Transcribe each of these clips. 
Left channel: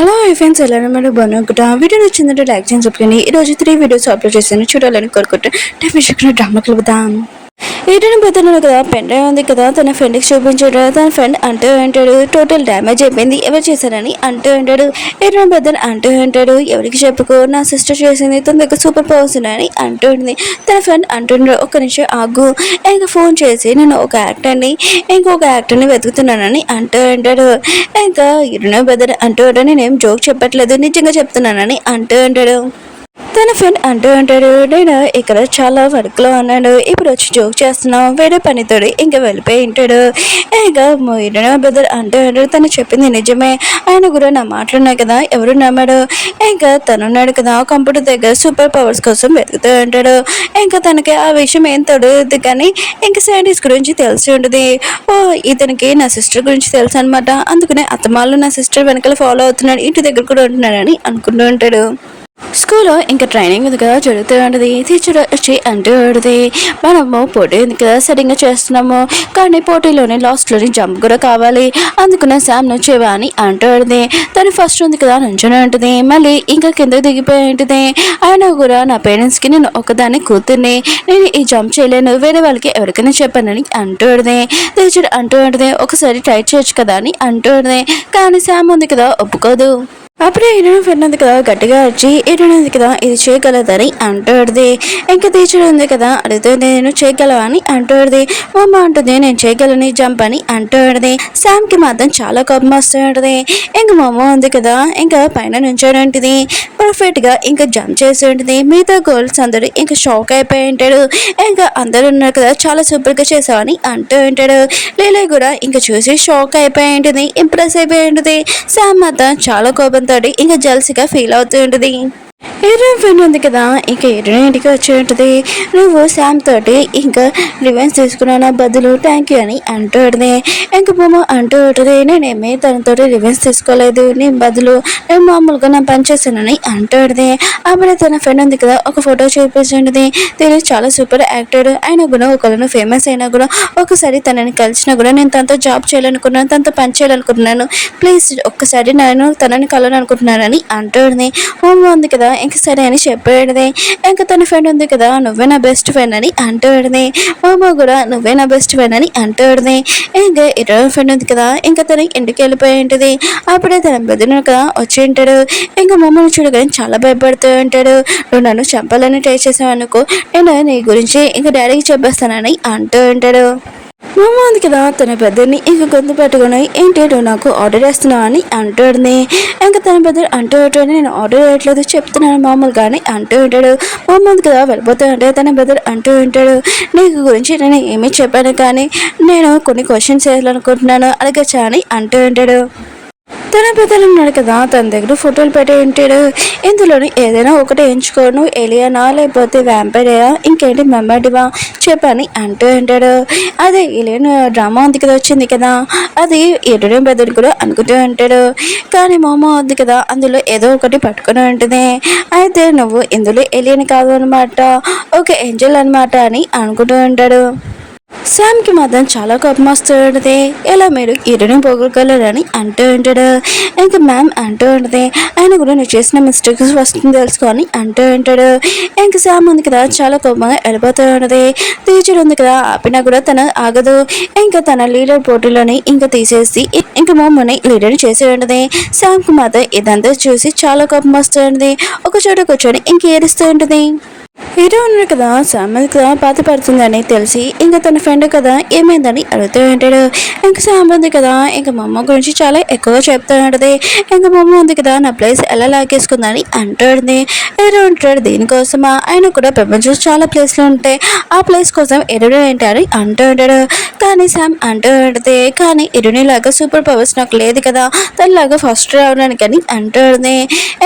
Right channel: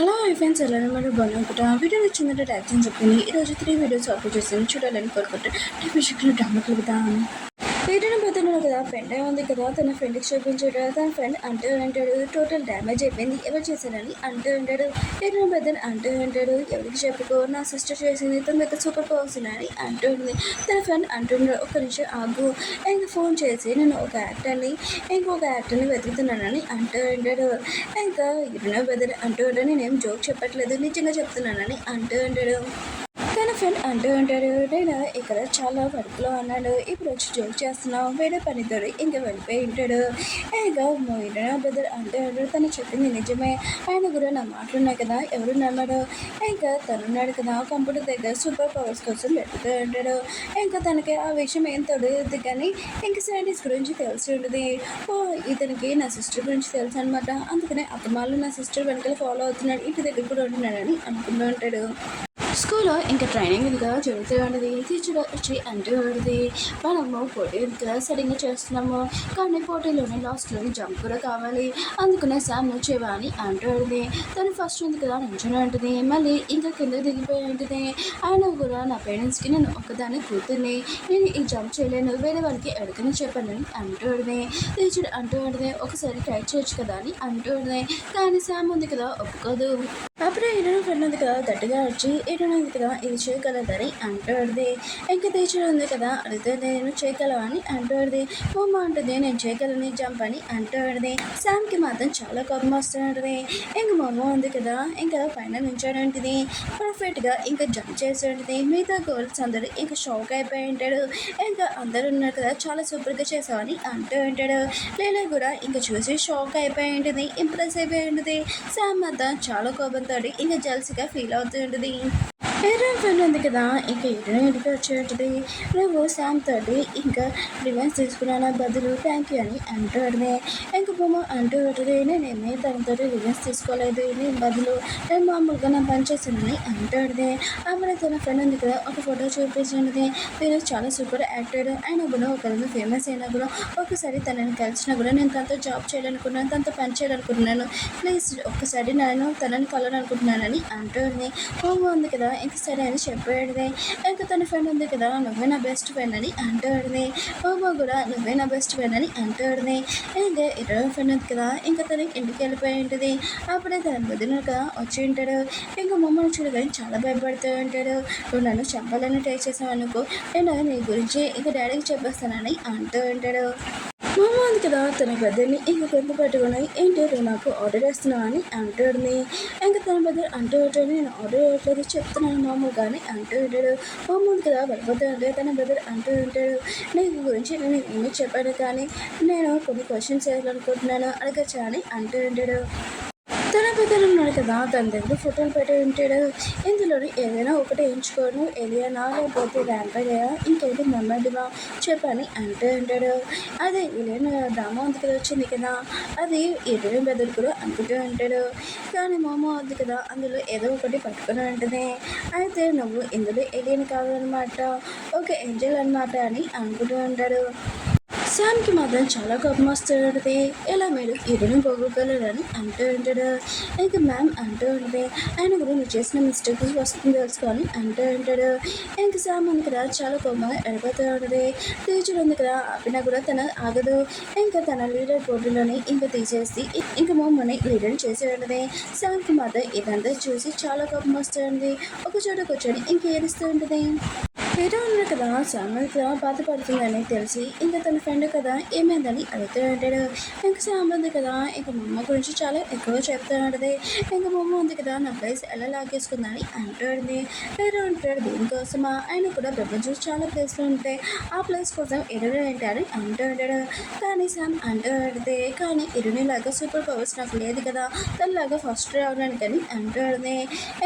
Hello friends, ఎలా మీరు బాగున్నాను. వీడియో నచ్చిందంటే లైక్ చేసి చెప్పండి. ఈరోజు 3 వీడియోస్ అప్లోడ్ చేశాను, చూడాలని కోరుకుంటే డెఫినేషన్ డ్రామాకి వెళ్దాం. ఏదైనా పెద్దన్నాడు కదా, పెన్ డ్రైవ్ ఉంది కదా, తన ఫ్రెండ్కి చూపించాడు. తన ఫ్రెండ్ అంటూ అంటాడు, టోటల్ డ్యామేజ్ అయిపోయింది, ఎవరు చేశారని అంటూ అంటాడు. ఏదైనా పెద్ద అంటూ అంటాడు, ఎవరికి చెప్పుకో, నా సిస్టర్ చేసింది, తన దగ్గర సూపర్ పవర్స్ ఉన్నాయని అంటుంది. తన ఫ్రెండ్ అంటున్నాడు, ఒక్క నిమిషం ఆగు, ఇంకా ఫోన్ చేసి నేను ఒక యాక్టర్ని ఇంకొక యాక్టర్ని వెతుకుతున్నానని అంటూ అంటాడు. ఇంకా ఏదైనా పెద్ద అంటూ అంటాడు, నేనేం జోక్ చెప్పట్లేదు, నిజంగా చెప్తున్నానని అంటూ అంటాడు. తన ఫ్రెండ్ అంటూ అంటాడు, నేను ఇక్కడ చాలా వర్క్లో ఉన్నాడు, ఇప్పుడు వచ్చి జోక్ చేస్తున్నాం, వేరే పనితోడు ఇంకా వెళ్ళిపోయి ఉంటాడు. ఇంకా మొయిన బ్రదర్ అంటూ అంటాడు, తను చెప్పింది నిజమే, ఆయన కూడా నా మాటలున్నాయి కదా, ఎవరు నమ్మాడు, ఇంకా తనున్నాడు కదా కంప్యూటర్ దగ్గర సూపర్ పవర్స్ కోసం వెతుకుతూ ఉంటాడు. ఇంకా తనకి ఆ విషయం ఏం తొడదు, కానీ ఇంకా సైంటిస్ట్ గురించి తెలిసి ఉంటుంది. ఓ ఇతనికి నా సిస్టర్ గురించి తెలుసు అనమాట, అందుకనే అత్తమాలు నా సిస్టర్ వెనకాల ఫాలో అవుతున్నాడు, ఇంటి దగ్గర కూడా ఉంటున్నాడని అనుకుంటూ ఉంటాడు. స్కూల్లో ఇంకా ట్రైనింగ్ ఉంది కదా, జరుగుతూ ఉంటుంది. టీచర్ వచ్చి అంటూ ఉంటుంది, మనము పోటీ ఉంది కదా సరిగ్గా చేస్తున్నాము, కానీ పోటీలోనే లాస్ట్లోని జంప్ కూడా కావాలి, అందుకునే శామ్ను చేవా అని అంటూ ఉంటుంది. తను ఫస్ట్ ఉంది కదా నుంచొని ఉంటుంది, మళ్ళీ ఇంకా కిందకి దిగిపోయి ఉంటుంది. ఆయన కూడా నా పేరెంట్స్కి నేను ఒకదాన్ని కూతుర్ని, నేను ఈ జంప్ చేయలేను, వేరే వాళ్ళకి ఎవరికైనా చెప్పానని అంటూ ఉంటుంది. టీచర్ అంటూ ఉంటుంది, ఒకసారి ట్రై చేయొచ్చు కదా అని అంటూ ఉంటుంది. కానీ శామ్ ఉంది కదా ఒప్పుకోదు. అప్పుడే ఈడను ఫ్రెండ్ ఉంది కదా గట్టిగా వచ్చి, ఈడను ఉంది కదా ఇది చేయగలదని అంటుంది. ఇంకా టీచర్ ఉంది కదా అడుగుతుంది, నేను చేయగలవా అని అంటుంది. అమ్మ అంటుంది, నేను చేయగలని జంప్ అని అంటుంది. శామ్కి మాత్రం చాలా కోపం వస్తూ ఉంటుంది. ఇంకా మమ్మ ఉంది కదా ఇంకా పైన నుంచోనంటుంది, పర్ఫెక్ట్గా ఇంకా జంప్ చేసి ఉంటుంది. మిగతా గర్ల్స్ అందరూ ఇంకా షాక్ అయిపోయి ఉంటాడు. ఇంకా అందరూ ఉన్నారు కదా, చాలా సూపర్గా చేసావని అంటూ ఉంటాడు. లీలే కూడా ఇంకా చూసి షాక్ అయిపోయి ఉంటుంది, ఇంప్రెస్ అయిపోయి ఉంటుంది. శామ్ మాత్రం చాలా కోపం ఇంకా జల్సీగా ఫీల్ అవుతూ ఉంటుంది. హీరోయిన్ ఫ్రెండ్ ఉంది కదా, ఇంకా హీరోయిన్ ఇంటికి వచ్చి ఉంటుంది. నువ్వు శామ్ తోటి ఇంకా రివెన్స్ తీసుకున్నా బదులు థ్యాంక్ యూ అని అంటుంది. ఇంకా బొమ్మ అంటూ ఉంటుంది, నేనేమీ తనతో రివెన్స్ తీసుకోలేదు, నేను బదులు నేను మామూలుగా నా పని చేశానని అంటుంది. అప్పుడే తన ఫ్రెండ్ ఉంది కదా ఒక ఫోటో చూపిస్తుంటుంది. తిని చాలా సూపర్ యాక్టర్ అయినా కూడా, ఒకళ్ళు ఫేమస్ అయినా కూడా, ఒకసారి తనని కలిసినా కూడా నేను తనతో జాబ్ చేయాలనుకున్నాను, తనతో పని చేయాలనుకుంటున్నాను, ప్లీజ్ ఒక్కసారి నేను తనని కలవాలనుకుంటున్నానని అంటుంది. హోమ్ ఉంది కదా ఇంక సరే అని చెప్పేది. ఇంకా తన ఫ్రెండ్ ఉంది కదా, నువ్వే నా బెస్ట్ ఫ్రెండ్ అని అంటుంది. మామ కూడా నువ్వే నా బెస్ట్ ఫ్రెండ్ అని అంటుంది. ఇంకా ఇరవై ఫ్రెండ్ ఉంది కదా, ఇంకా తన ఇంటికి వెళ్ళిపోయి ఉంటుంది. అప్పుడే తన బెదిరిన కదా వచ్చి ఉంటాడు. ఇంకా మమ్మల్ని చూడగానే చాలా భయపడుతూ ఉంటాడు. నువ్వు నన్ను చంపాలని ట్రై చేసావు అనుకో, నేను నీ గురించి ఇంకా డాడీకి చెప్పేస్తానని అంటూ ఉంటాడు. మామ ఉంది కదా తన పెద్దని ఇంక గొంతు పెట్టుకుని, ఏంటి నువ్వు నాకు ఆర్డర్ చేస్తున్నావు అని అంటుంది. ఇంకా తన పెద్ద అంటూ ఉంటాడు, నేను ఆర్డర్ చేయట్లేదు చెప్తున్నాను మామూలుగా అని అంటూ ఉంటాడు. మామ ఉంది కదా వెళ్ళిపోతూ ఉంటే తన బ్రదర్ అంటూ ఉంటాడు, నీకు గురించి నేను ఏమీ చెప్పాను, కానీ నేను కొన్ని క్వశ్చన్స్ చేయాలనుకుంటున్నాను, అడగచ్చా అని అంటూ ఉంటాడు. తన పెద్దలు ఉన్నాడు కదా, తన దగ్గర ఫోటోలు పెట్టి ఉంటాడు. ఇందులోని ఏదైనా ఒకటి ఎంచుకోను, ఏలియనా లేకపోతే వ్యాంపైరా, ఇంకేంటి మెమ్మడివా చెప్పని అంటూ ఉంటాడు. అదే ఏలియన్ డ్రామా ఉంది కదా వచ్చింది కదా, అది ఎటుడే పెద్దలు కూడా అనుకుంటూ ఉంటాడు. కానీ మామ ఉంది కదా అందులో ఏదో ఒకటి పట్టుకుని ఉంటుంది. అయితే నువ్వు ఇందులో ఏలియన్ కాదు అనమాట, ఒక ఏంజల్ అనమాట అని అనుకుంటూ ఉంటాడు. శామ్కి మాత్రం చాలా కోపం వస్తుంది, ఇలా మీరు ఇరుని పోగొగలరని అంటూ ఉంటాడు. ఇంకా మ్యామ్ అంటూ ఉంటుంది, ఆయన కూడా నువ్వు చేసిన మిస్టేక్స్ వస్తుంది తెలుసుకొని అంటూ ఉంటాడు. ఇంకా శామ్ ఉంది కదా చాలా కోపంగా వెళ్ళిపోతూ ఉంటుంది. టీచర్ ఉంది కదా ఆపినా కూడా తన ఆగదు. ఇంకా తన లీడర్ పోటీలోని ఇంకా తీసేసి ఇంకా మమ్మల్ని లీడర్ చేసి ఉంటుంది. శామ్కి మాత్రం ఇదంతా చూసి చాలా కోపం వస్తుంది. ఒక చోట కూర్చొని ఇంక ఏడుస్తూ ఉంటుంది. హీరో ఉన్నాడు కదా, శామ్ కదా బాధపడుతుందని తెలిసి ఇంకా తన ఫ్రెండ్ కదా ఏమైందని అడుగుతూ ఉంటాడు. ఇంకా శామ్ ఉంది కదా ఇంకా మా అమ్మ గురించి చాలా ఎక్కువగా చెప్తూ ఉంటుంది. ఇంకా మా అమ్మ ఉంది కదా నా ప్లేస్ ఎలా లాగేసుకుందని అంటుంది. హీరో ఉంటాడు, దీనికోసమా, ఆయన కూడా ప్రపంచంలో చాలా ప్లేస్లు ఉంటాయి, ఆ ప్లేస్ కోసం ఎరుడు ఏంటని అంటూ ఉంటాడు. కానీ శామ్ అంటూ ఉంటుంది, కానీ ఎరుని లాగా సూపర్ పవర్స్ నాకు లేదు కదా, తనలాగా ఫస్ట్ రావడానికి అని అంటుంది.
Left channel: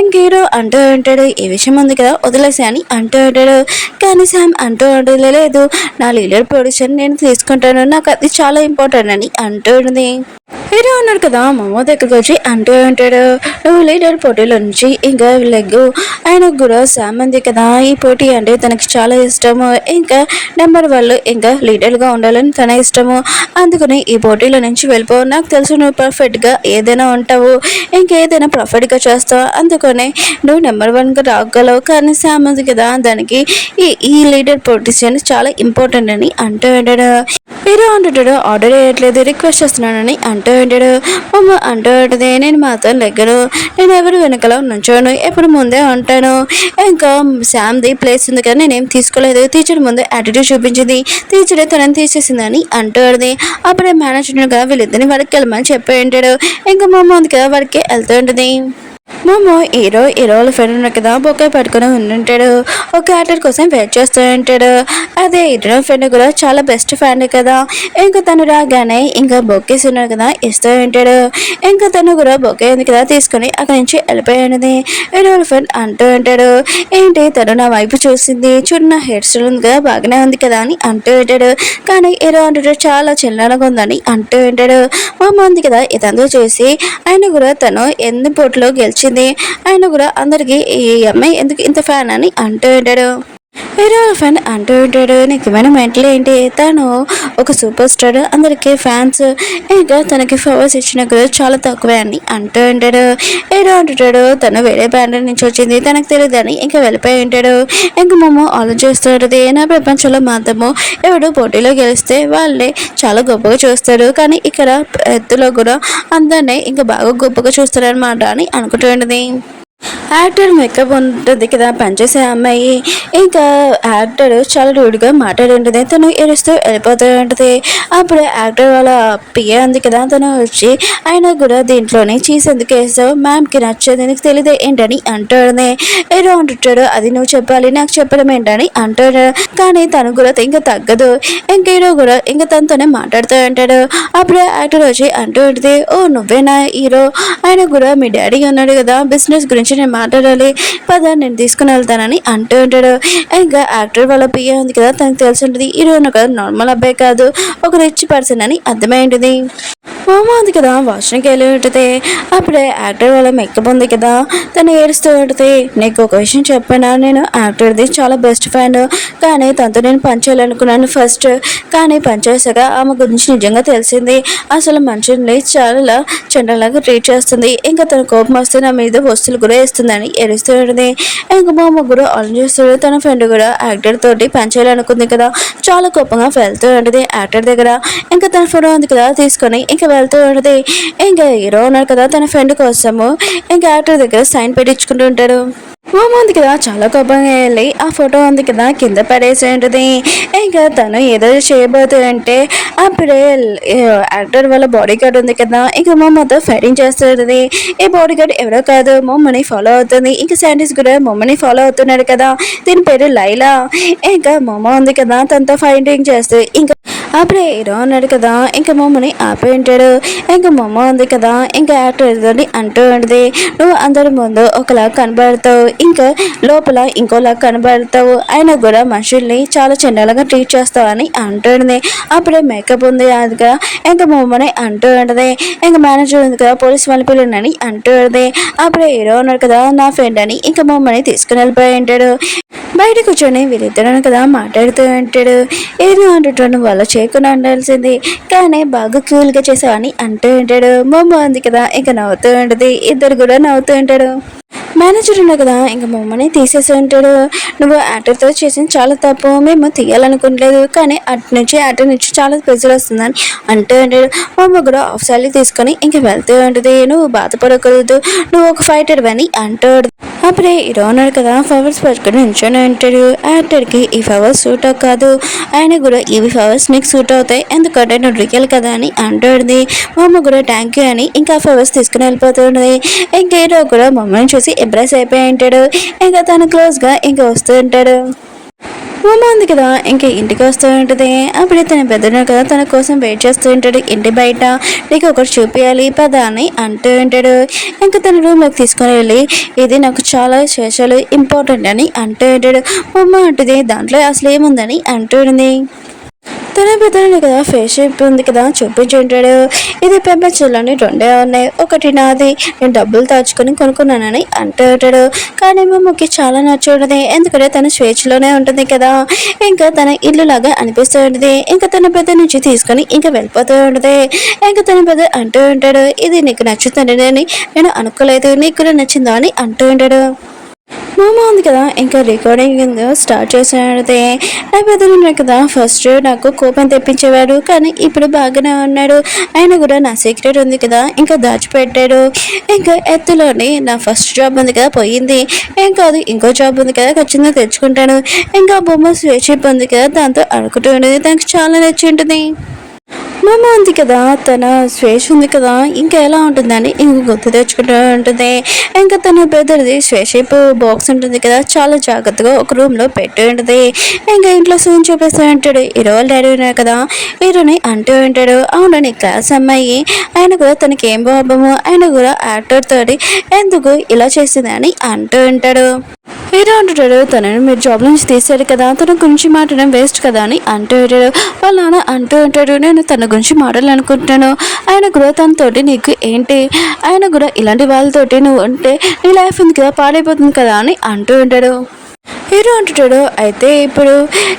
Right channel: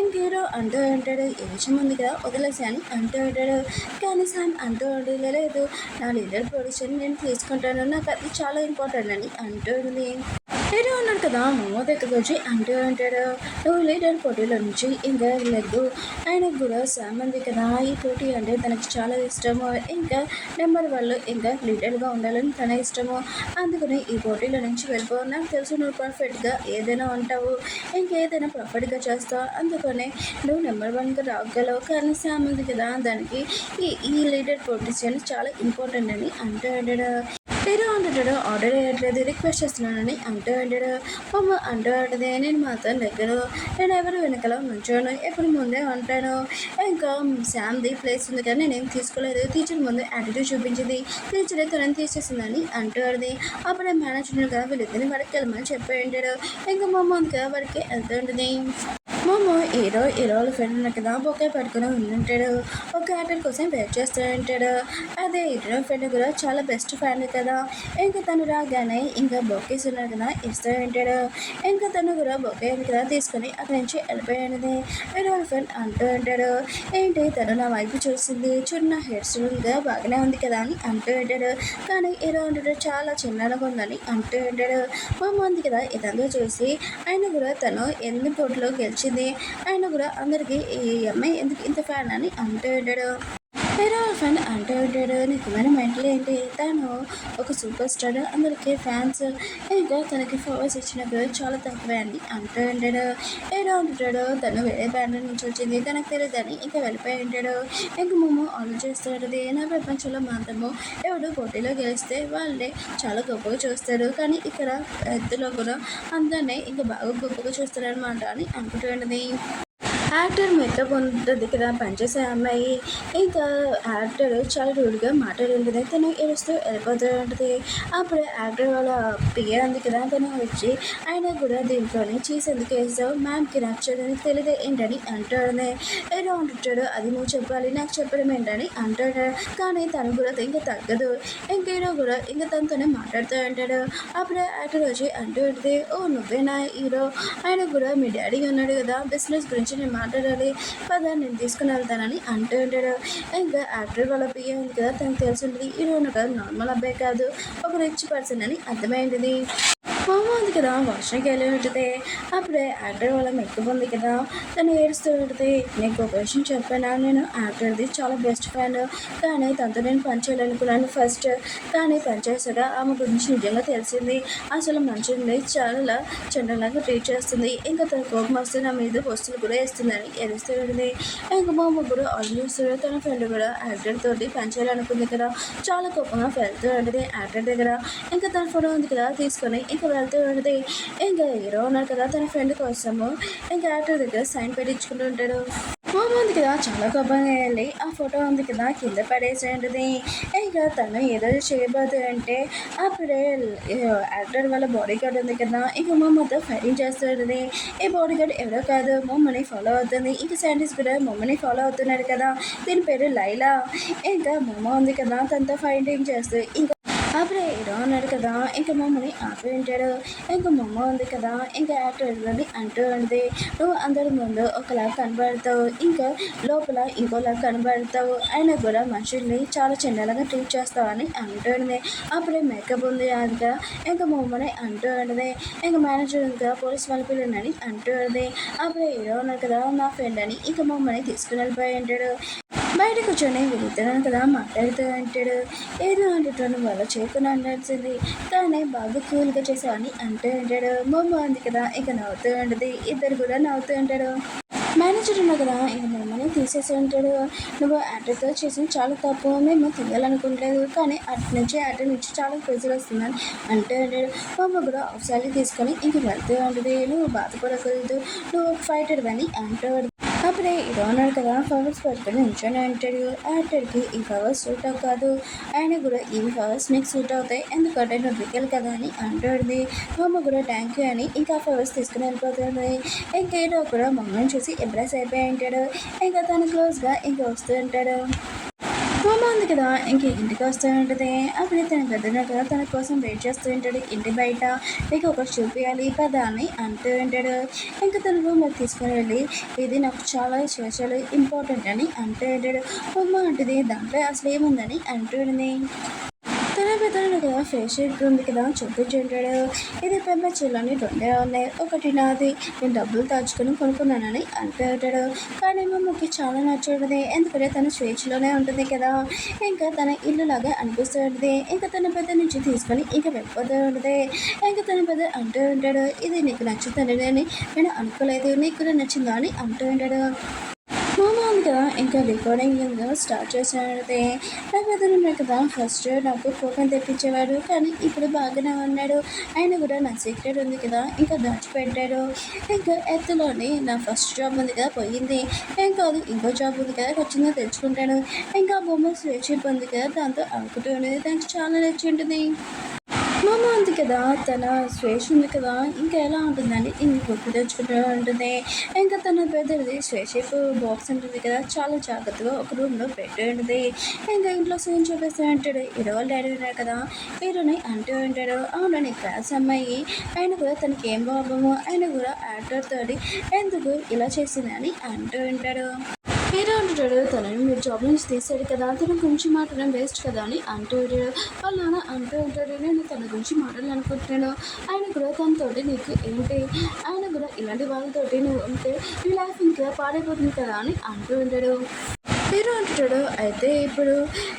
ఇంక హీరో అంటూ ఉంటాడు, ఈ విషయం ఉంది కదా వదిలేసి అని అంటూ ఉంటాడు. ఉంటాడు. కానీ శామ్ అంటూ ఉంటుంది, లేదు నా లీడర్ పొజిషన్ నేను తీసుకుంటాను, నాకు అది చాలా ఇంపార్టెంట్ అని అంటూ ఉంటుంది. హీరో ఉన్నాడు కదా మమ్మో దగ్గరకు వచ్చి అంటూ ఉంటాడు, నువ్వు లీడర్ పోటీలో నుంచి ఇంకా లెగ్గు. ఆయనకు కూడా శామ్ ఉంది కదా ఈ పోటీ అంటే తనకి చాలా ఇష్టము, ఇంకా నెంబర్ వాళ్ళు ఇంకా లీడర్గా ఉండాలని తన ఇష్టము. అందుకని ఈ పోటీలో నుంచి వెళ్ళిపో, నాకు తెలుసు నువ్వు పర్ఫెక్ట్గా ఏదైనా ఉంటావు, ఇంకేదైనా పర్ఫెక్ట్గా చేస్తావు, అందుకని నువ్వు నెంబర్ 1గా రాగలవు. కానీ శామ్ ఉంది కదా దానికి ఈ లీడర్ పొజిషన్ చాలా ఇంపార్టెంట్ అని అంటూ ఉంటాడు. హీరో అంటుంటాడు, ఆర్డర్ వేయట్లేదు రిక్వెస్ట్ చేస్తున్నానని అంటూ ఉంటాడు. మమ్మ అంటూ ఉంటుంది, నేను మాత్రం లెగ్గను, నేను ఎవరు వెనకలో నుంచోను, ఎప్పుడు ముందే ఉంటాను. ఇంకా శామ్ది ప్లేస్ ఉంది కానీ నేనేం తీసుకోలేదు, టీచర్ ముందు యాటిట్యూడ్ చూపించింది, టీచరే తనని తీసేసిందని అంటూ ఉంటుంది. అప్పుడే మేనేజర్ కదా వీళ్ళిద్దరిని వాడికి వెళ్ళమని చెప్పి ఉంటాడు. ఇంకా మమ్మ ఉంది కదా వాడికి వెళ్తూ ఉంటుంది. మమ్మో హీరోల ఫ్రెండ్ ఉన్నాడు కదా బొకే పట్టుకుని ఉండుంటాడు, ఒక యాక్టర్ కోసం వెయిట్ చేస్తూ ఉంటాడు. అదే హీరో ఫ్రెండ్ కూడా చాలా బెస్ట్ ఫ్రెండ్ కదా, ఇంకా తను రాగానే ఇంకా బొకేస్ ఉన్నాడు కదా ఇస్తూ ఉంటాడు. ఇంకా తను కూడా బొకే ఉంది కదా తీసుకుని అక్కడి నుంచి వెళ్ళిపోయినది. హీరోల ఫ్రెండ్ అంటూ ఉంటాడు, ఏంటి తను నా వైపు చూసింది, చూడు నా హెయిర్ స్టైల్ ఉంది కదా బాగానే ఉంది కదా అని అంటూ ఉంటాడు. కానీ హీరో అంటాడు చాలా చిల్లరగా ఉందని అంటూ ఉంటాడు. మమ్మ ఉంది కదా ఇదంతా చూసి ఆయన కూడా తను ఎన్ని పోటీలో గెలిచింది, ఆయన కూడా అందరికి ఈ అమ్మాయి ఎందుకు ఇంత ఫ్యాన్ అని అంటూ ఉంటాడు. హీరో ఫ్యాన్ అంటూ ఉంటాడు, నీకు ఏమైనా మెంటల్ ఏంటి, తను ఒక సూపర్ స్టార్, అందరికీ ఫ్యాన్స్, ఇంకా తనకి ఫవర్స్ ఇచ్చిన కూడా చాలా తక్కువే అని అంటూ ఉంటాడు. హీరో అంటుంటాడు, తను వేరే బ్యాండ్ నుంచి వచ్చింది తనకు తెలియదని ఇంకా వెళ్ళిపోయి ఉంటాడు. ఇంకా మమ్మ ఆలోచిస్తూ ఉంటుంది, నా ప్రపంచంలో మాత్రము ఎవడు పోటీలో గెలిస్తే వాళ్ళే చాలా గొప్పగా చూస్తారు, కానీ ఇక్కడ ఎత్తులో కూడా అందరినీ ఇంకా బాగా గొప్పగా చూస్తారనమాట అని అనుకుంటూ ఉంటుంది. యాక్టర్ మేకప్ ఉంటుంది కదా పనిచేసే అమ్మాయి, ఇంకా యాక్టర్ చాలా రూడ్గా మాట్లాడి ఉంటుంది, తను ఏడుస్తూ వెళ్ళిపోతూ ఉంటుంది. అప్పుడు యాక్టర్ వాళ్ళ పిఏ ఉంది కదా తను వచ్చి ఆయన కూడా దీంట్లోనే చీజ్ ఎందుకు వేస్తావు, మ్యామ్కి నచ్చదు నీకు తెలియదు ఏంటని అంటాడు. ఏదో అంటుంటాడు, అది నువ్వు చెప్పాలి నాకు చెప్పడం ఏంటని అంటాడు. కానీ తను కూడా ఇంకా తగ్గదు, ఇంకేదో కూడా ఇంకా తనతోనే మాట్లాడుతూ ఉంటాడు. అప్పుడు యాక్టర్ వచ్చి అంటూ ఉంటుంది, ఓ నువ్వేనా హీరో, ఆయన కూడా మీ డాడీ ఉన్నాడు కదా బిజినెస్ గురించి నేను మాట్లాడాలి పద నేను తీసుకుని వెళ్తానని అంటూ ఉంటాడు. ఇంకా యాక్టర్ వాళ్ళ పియ్య ఉంది కదా తనకు తెలిసి ఉంటుంది హీరో కదా నార్మల్ అబ్బాయి కాదు ఒక రిచ్ పర్సన్ అని అర్థమై ఉంటుంది. మామ ఉంది కదా వాష్రూమ్కి వెళ్ళి ఉంటుంది. అప్పుడే యాక్టర్ వాళ్ళ మేకప్ ఉంది కదా తను ఏడుస్తూ ఉంటుంది, నీకు ఒక విషయం చెప్పాను, నేను యాక్టర్ది చాలా బెస్ట్ ఫ్రెండ్, కానీ తనతో నేను పనిచేయాలనుకున్నాను ఫస్ట్, కానీ పనిచేసాక ఆమె గురించి నిజంగా తెలిసింది, అసలు మనుషుల్ని చాలా చెండలాగా ట్రీట్ చేస్తుంది, ఇంకా తన కోపం వస్తే నా మీద వస్తువులు కూడా వేస్తుందని ఏడుస్తూ ఉంటుంది. ఇంకా మా ముగ్గురు ఆలోచిస్తాడు, తన ఫ్రెండ్ కూడా యాక్టర్ తోటి పనిచేయాలనుకుంది కదా చాలా కోపంగా వెళ్తూ ఉంటుంది యాక్టర్ దగ్గర. ఇంకా తన ఫోటో ఉంది కదా తీసుకొని ఇంకా వెళ్తూ ఉంటుంది. ఇంకా హీరో ఉన్నారు కదా తన ఫ్రెండ్ కోసము ఇంకా యాక్టర్ దగ్గర సైన్ పెట్టించుకుంటూ ఉంటాడు. మామ ఉంది కదా చాలా కోపంగా వెళ్ళి ఆ ఫోటో ఉంది కదా కింద పడేసి ఉంటుంది. ఇంకా తను ఏదో చేయబోతుందంటే అప్పుడే యాక్టర్ వాళ్ళ బాడీ గార్డ్ ఉంది కదా ఇంకా మమ్మతో ఫైటింగ్ చేస్తుంది. ఈ బాడీ గార్డ్ ఎవరో కాదు మమ్మని ఫాలో అవుతుంది, ఇంకా సైంటిస్ట్ కూడా మమ్మని ఫాలో అవుతున్నాడు కదా, దీని పేరు లైలా. ఇంకా మమ్మ ఉంది కదా తనతో ఫైటింగ్ చేస్తుంది. ఇంకా అప్పుడే హీరో ఉన్నాడు కదా ఇంకా మమ్మని ఆపి ఉంటాడు. ఇంకా మమ్మ ఉంది కదా ఇంకా యాక్టర్ అంటూ ఉంటుంది, నువ్వు అందరి ముందు ఒకలా కనబడతావు ఇంకా లోపల ఇంకోలా కనబడతావు, అయినా కూడా మనుషుల్ని చాలా చిన్నలాగా ట్రీట్ చేస్తావు అని అంటుంది. అప్పుడే మేకప్ ఉంది అదిగా ఇంకా మమ్మని అంటూ ఉంటుంది. ఇంకా మేనేజర్ ఉంది కదా పోలీస్ వాళ్ళ పిల్లలని అంటూ ఉంటుంది. అప్పుడే హీరో ఉన్నాడు కదా నా ఫ్రెండ్ అని ఇంకా మమ్మని తీసుకుని వెళ్ళిపోయి ఉంటాడు. బయట కూర్చొని వీళ్ళిద్దరు కదా మాట్లాడుతూ ఉంటాడు. ఏదో అంటుంటాను వాళ్ళ చేయకుండా ఉండాల్సింది, కానీ బాగా కూల్గా చేసావని అంటూ ఉంటాడు. మమ్మ ఉంది కదా ఇంకా నవ్వుతూ ఉంటుంది, ఇద్దరు కూడా నవ్వుతూ ఉంటాడు. మేనేజర్ ఉన్నా కదా ఇంకా మమ్మల్ని తీసేసి ఉంటాడు, నువ్వు యాక్టర్తో చేసిన చాలా తప్పు, మేము తీయాలనుకోవట్లేదు, కానీ అటు నుంచి యాక్టర్ నుంచి చాలా ప్రెజర్ వస్తుందని అంటూ ఉంటాడు. మమ్మ కూడా ఆఫ్ సాలరీ తీసుకొని ఇంకా వెళ్తూ ఉంటుంది, నువ్వు బాధపడకూడదు, నువ్వు ఒక ఫైటర్ అని అంటాడు. అప్పుడే హీరో ఉన్నాడు కదా ఫ్లవర్స్ పట్టుకొని నించొని ఉంటాడు. యాక్టర్కి ఈ ఫ్లవర్స్ సూట్ కాదు, ఆయన కూడా ఇవి ఫ్లవర్స్ నీకు సూట్ అవుతాయి ఎందుకంటే నువ్వు రియల్ కదా అని అంటుంది. మమ్మ కూడా థ్యాంక్ యూ అని ఇంకా ఫ్లవర్స్ తీసుకుని వెళ్ళిపోతుంది. ఇంకా హీరో కూడా మమ్మల్ని చూసి ఎంప్రెస్ అయిపోయి ఉంటాడు. ఇంకా తను క్లోజ్గా ఇంకా వస్తూ ఉంటాడు. ఉమా ఉంది కదా ఇంకా ఇంటికి వస్తూ ఉంటుంది. అప్పుడే తన పెద్దను కదా తన కోసం వెయిట్ చేస్తూ ఉంటాడు ఇంటి బయట. నీకు ఒకటి చూపించాలి పద అని అంటూ ఉంటాడు. ఇంకా తన రూమ్లోకి తీసుకొని వెళ్ళి ఇది నాకు చాలా స్పెషల్ ఇంపార్టెంట్ అని అంటూ ఉంటాడు. ఉమా అంటుంది దాంట్లో అసలు ఏముందని అంటుంది. తన పెద్దలు కదా ఫేస్ షేప్ ఉంది కదా చూపించుంటాడు. ఇది పెంపచ్చులని రెండే ఉన్నాయి, ఒకటి నాది, నేను డబ్బులు దాచుకొని కొనుక్కున్నానని అంటూ ఉంటాడు. కానీ మమ్మకి చాలా నచ్చుంటుంది, ఎందుకంటే తన స్వేచ్ఛలోనే ఉంటుంది కదా. ఇంకా తన ఇల్లు లాగా అనిపిస్తూ ఉంటుంది. ఇంకా తన పెద్ద నుంచి తీసుకొని ఇంకా వెళ్ళిపోతూ ఉంటుంది. ఇంకా తన పెద్ద అంటూ ఉంటాడు ఇది నీకు నచ్చుతుంది అని నేను అనుకోలేదు, నీకు కూడా నచ్చిందా అని అంటూ ఉంటాడు. మామ ఉంది కదా ఇంకా రికార్డింగ్ స్టార్ట్ చేసినదే. నా పెద్దలు కదా ఫస్ట్ నాకు కోపం తెప్పించేవాడు, కానీ ఇప్పుడు బాగానే ఉన్నాడు. ఆయన కూడా నా సీక్రెట్ ఉంది కదా ఇంకా దాచిపెట్టాడు. ఇంకా ఎత్తులోని నా ఫస్ట్ జాబ్ ఉంది కదా పోయింది, ఏం కాదు ఇంకో జాబ్ ఉంది కదా ఖచ్చితంగా తెచ్చుకుంటాను. ఇంకా బొమ్మ స్వేచ్ఛిప్ ఉంది కదా దాంతో అనుకుంటూ ఉండేది, దానికి చాలా నచ్చి ఉంటుంది. మామ ఉంది కదా తన స్వేచ్ఛ ఉంది కదా ఇంకా ఎలా ఉంటుందని ఇంక గుర్తు తెచ్చుకుంటూ ఉంటుంది. ఇంకా తన పెద్దది స్వేషిప్ బాక్స్ ఉంటుంది కదా చాలా జాగ్రత్తగా ఒక రూమ్లో పెట్టి ఉంటుంది. ఇంకా ఇంట్లో సూన్ చూపిస్తూ ఉంటాడు. ఈరోజు డాడీ ఉన్నారు కదా వీరుని అంటూ ఉంటాడు. అవును నీ క్లాస్ అమ్మాయి, ఆయన కూడా తనకి ఏం బాబము, ఆయన కూడా యాక్టర్ తోటి ఎందుకు ఇలా చేసింది అని అంటూ ఉంటాడు. హీరో అంటుంటాడు తనని మీరు జాబ్ నుంచి తీసాడు కదా తన గురించి మాట్లాడడం వేస్ట్ కదా అని అంటూ ఉంటాడు. వాళ్ళ నాన్న అంటూ ఉంటాడు నేను తన గురించి మాట్లాడాలనుకుంటున్నాను, ఆయన కూడా తనతోటి నీకు ఏంటి, ఆయన కూడా ఇలాంటి వాళ్ళతోటి నువ్వు ఉంటే నీ లైఫ్ ఉంది కదా పాడైపోతుంది కదా అని అంటూ ఉంటాడు. హీరో అంటుంటాడు అయితే ఇప్పుడు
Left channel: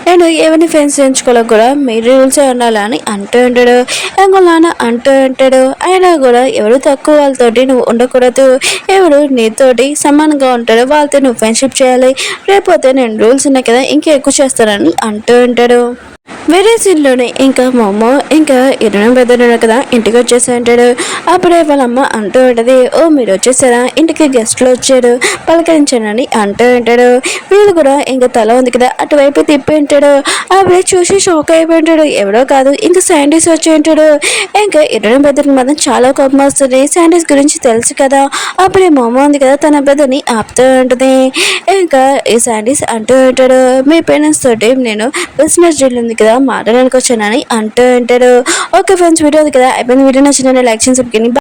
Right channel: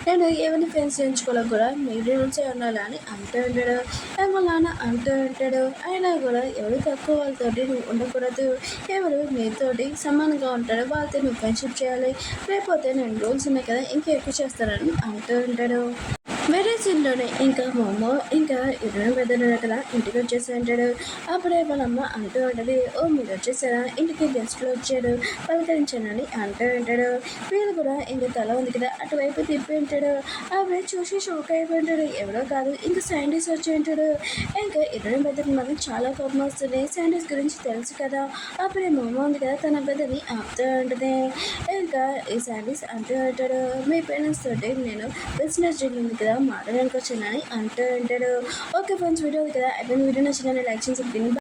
నేను ఏమైనా ఫ్రెండ్స్ ఎంచుకోవాలో కూడా మీ రూల్సే ఉండాలని అంటూ ఉంటాడు. ఇంకో నాన్న అంటూ ఉంటాడు ఆయన కూడా ఎవరు తక్కువ వాళ్ళతోటి నువ్వు ఉండకూడదు, ఎవరు నీతోటి సమానంగా ఉంటాడో వాళ్ళతో నువ్వు ఫ్రెండ్షిప్ చేయాలి, రేపోతే నేను రూల్స్ ఉన్నాయి కదా ఇంకా ఎక్కువ చేస్తానని అంటూ ఉంటాడు. వేరే సీన్లోనే ఇంకా మా అమ్మ ఇంకా ఇరవై పెద్దలు కదా ఇంటికి వచ్చేసి అంటాడు. అప్పుడే వాళ్ళ అమ్మ అంటూ ఉంటుంది ఓ మీరు వచ్చేసారా, ఇంటికి గెస్ట్లు వచ్చారు పలకరించానని అంటూ ఉంటాడు. వీళ్ళు కూడా ఇంకా తల ఉంది కదా అటువైపు తిప్పి ఉంటాడు. అప్పుడే చూసి షాక్ అయిపోయి ఉంటాడు, ఎవడో కాదు ఇంకా శాండీస్ వచ్చి ఉంటాడు. ఇంకా ఇరవై పెద్దలకి మాత్రం చాలా కోపం వస్తుంది, శాండీస్ గురించి తెలుసు కదా. అప్పుడే మా అమ్మ ఉంది కదా తన పెద్దని ఆపుతూ ఉంటుంది. ఇంకా ఈ శాండీస్ అంటూ ఉంటాడు మీ పేరెంట్స్ తోటి నేను బిజినెస్ డీల్ ఉంది కదా మాట్లాడడానికి వచ్చానని అంటూ ఉంటాడు. ఓకే ఫ్రెండ్స్ వీడియో ఉంది కదా అయిపోయింది. వీడియో నచ్చిందని లైక్ చేసి